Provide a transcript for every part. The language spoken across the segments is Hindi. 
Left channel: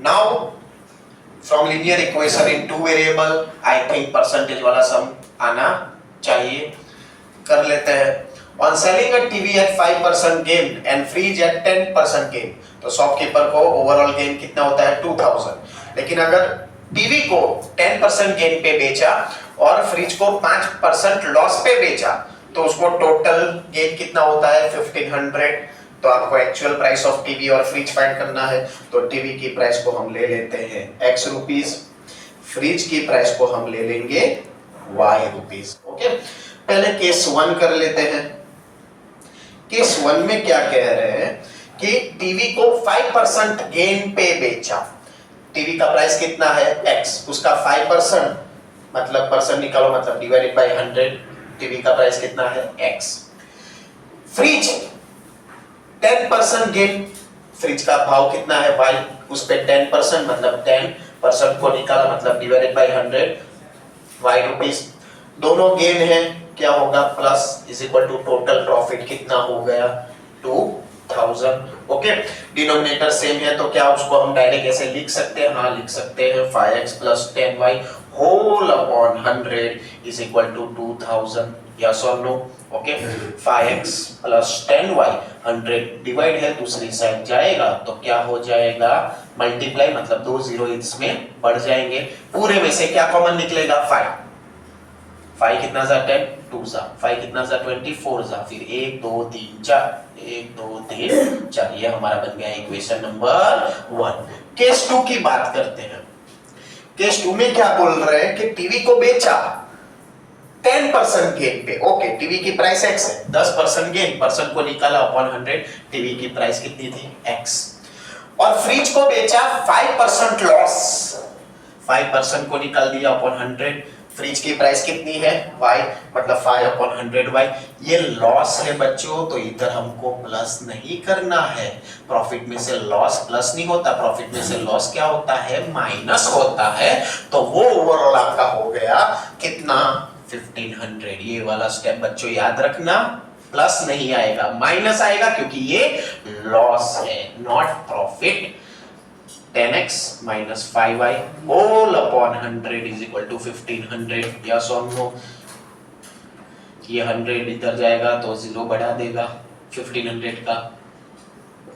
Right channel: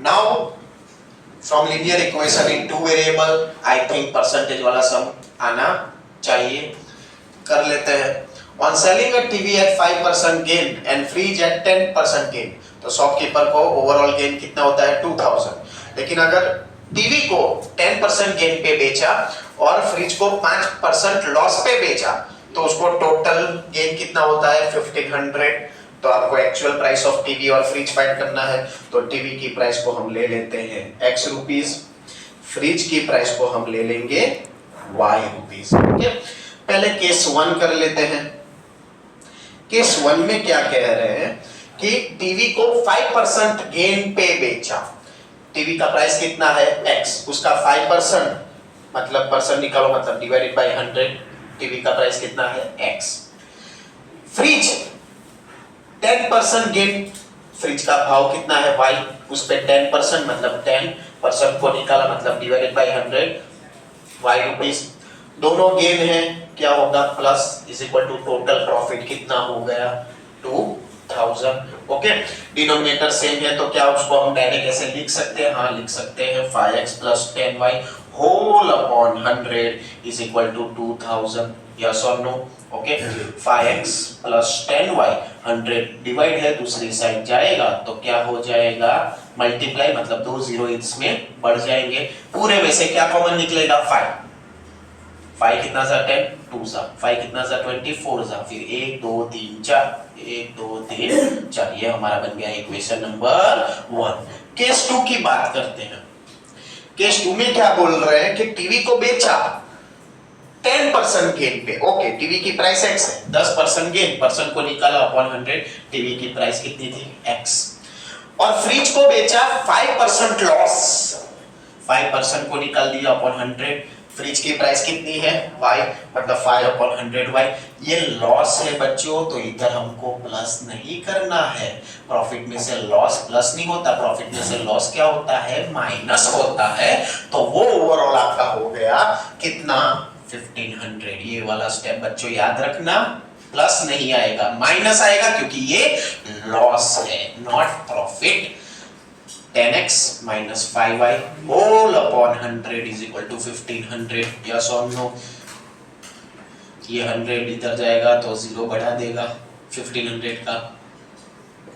Now from linear equation in two variable I think percentage वाला सम आना चाहिए, कर लेते हैं। On selling a TV at 5% gain and fridge at 10% gain, तो शॉपकीपर को ओवरऑल गेन कितना होता है 2000। लेकिन अगर टीवी को 10% गेन पे बेचा और फ्रिज को 5% लॉस पे बेचा तो उसको टोटल गेन कितना होता है 1500। तो आपको एक्चुअल प्राइस ऑफ टीवी और फ्रिज फाइंड करना है, तो टीवी की प्राइस को हम ले लेते हैं x रुपीस, फ्रिज की प्राइस को हम ले लेंगे y रुपीस। ओके, पहले केस 1 कर लेते हैं। केस 1 में क्या कह रहे हैं कि टीवी को 5% गेन पे बेचा, टीवी का प्राइस कितना है x, उसका 5% मतलब परसेंट निकालो, मतलब डिवाइडेड बाय 100, टीवी का प्राइस कितना है x। फ्रिज 10% गेन, फ्रिज का भाव कितना है y, उस पे 10% मतलब 10% को निकाला मतलब डिवाइडेड बाय 100 y रुपीस। दोनों गेन है, क्या होगा plus is equal to total profit कितना हो गया 2000। ओके, डिनोमिनेटर सेम है तो क्या उसको हम डायरेक्ट ऐसे लिख सकते हैं? हाँ लिख सकते हैं, 5x plus 10y whole upon 100 is equal to 2000। Yes और no? Okay, 5x plus 10y 100 divide है दूसरी साइड जाएगा तो क्या हो जाएगा मल्टीप्लाई, मतलब 2 जीरो इसमें बढ़ जाएंगे, पूरे में से क्या कॉमन निकलेगा 5 कितना जा 10 2 जा 5 कितना जा 24 जा, फिर 1 2 3 4 1 2 3 4, ये हमारा बन गया इक्वेशन नंबर 1। केस 2 की बात करते हैं। केस 2 में क्या बोल रहे हैं कि टीवी को बेचा 10% गेन पे। ओके, टीवी की प्राइस x है, 10% गेन, परसेंट को निकाला अपॉन 100, टीवी की प्राइस कितनी थी x। और फ्रिज को बेचा 5% लॉस, 5% को निकाल दिया अपॉन 100, फ्रिज की प्राइस कितनी है y, मतलब 5 अपॉन 100y। ये लॉस है बच्चों, तो इधर हमको प्लस नहीं करना है, प्रॉफिट में से लॉस प्लस नहीं होता, प्रॉफिट में से लॉस क्या होता है माइनस होता है। तो वो ओवरऑल आपका हो गया कितना 1500। ये वाला स्टेप बच्चों याद रखना, प्लस नहीं आएगा माइनस आएगा क्योंकि ये लॉस है not profit. 10x minus 5y whole upon 100 is equal to 1500। yes or no? ये 100 इधर जाएगा तो 0 बढ़ा देगा 1500 का,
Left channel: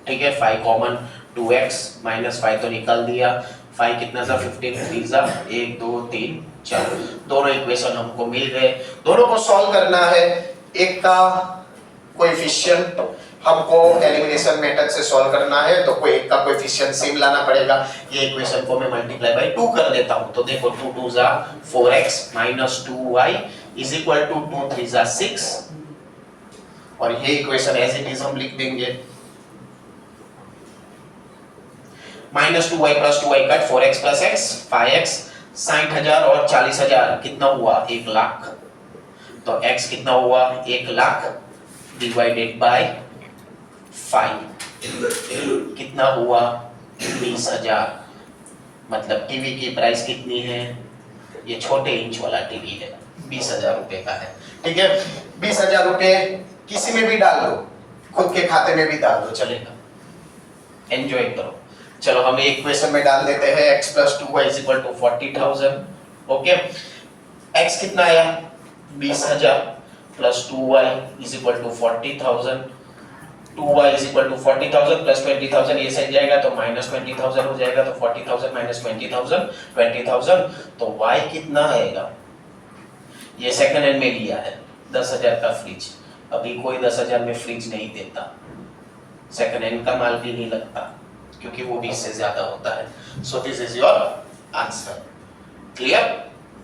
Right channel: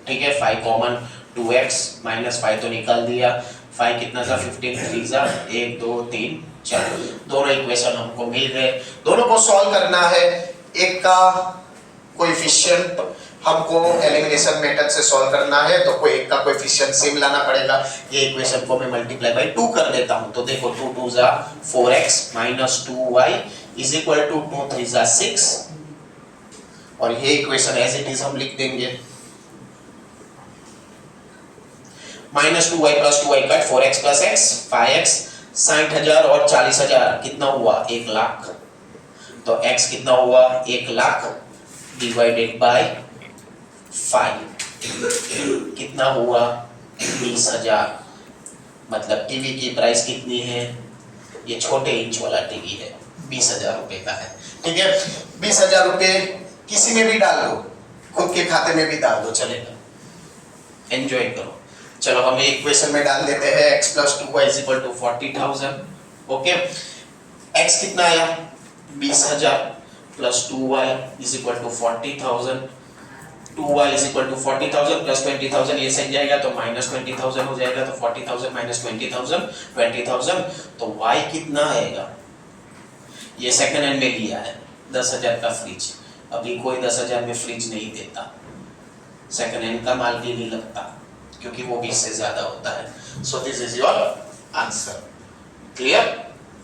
ठीक है। 5 कॉमन, 2x माइनस 5 तो निकाल दिया, 5 कितना सा 15 3 सा 1 2 3 4, दोनों इक्वेशन हमको मिल गए। दोनों को सॉल्व करना है, एक का कोएफिशिएंट हमको एलिमिनेशन मेथड से सॉल्व करना है, तो कोई एक का कोएफिशिएंट सेम लाना पड़ेगा। ये इक्वेशन को मैं मल्टीप्लाई बाय 2 कर देता हूं, तो देखो 2 2 जा 4x minus 2y is equal to 2 3 जा 6, और ये इक्वेशन एज इट इज हम लिख देंगे। Minus 2y plus 2y cut, 4x plus x 5x, 60,000 और 40,000 कितना हुआ 1 लाख, तो x कितना हुआ 1 लाख डिवाइडेड बाय 5 कितना हुआ 20,000, मतलब टीवी की प्राइस कितनी है, ये छोटे इंच वाला टीवी है 20,000 रुपए का है, ठीक है। 20,000 रुपए किसी में भी डाल दो, खुद के खाते में भी डाल दो, चलेगा, एंजॉय करो। चलो हम एक इक्वेशन में डाल देते हैं, x plus 2y is equal to 40,000। Okay, x कितना आया 20,000 plus 2y is equal to 40,000, 2y is equal to 40,000 plus 20,000, ये सही जाएगा तो माइनस 20,000 हो जाएगा, तो 40,000 माइनस 20,000 तो y कितना आएगा, ये सेकंड हैंड में लिया है 10,000 का फ्रिज, अभी कोई 10,000 में फ्रिज नहीं देता, सेकंड हैंड का माल भी नहीं लगता क्योंकि वो 20 से ज्यादा होता है। So this is your answer, clear.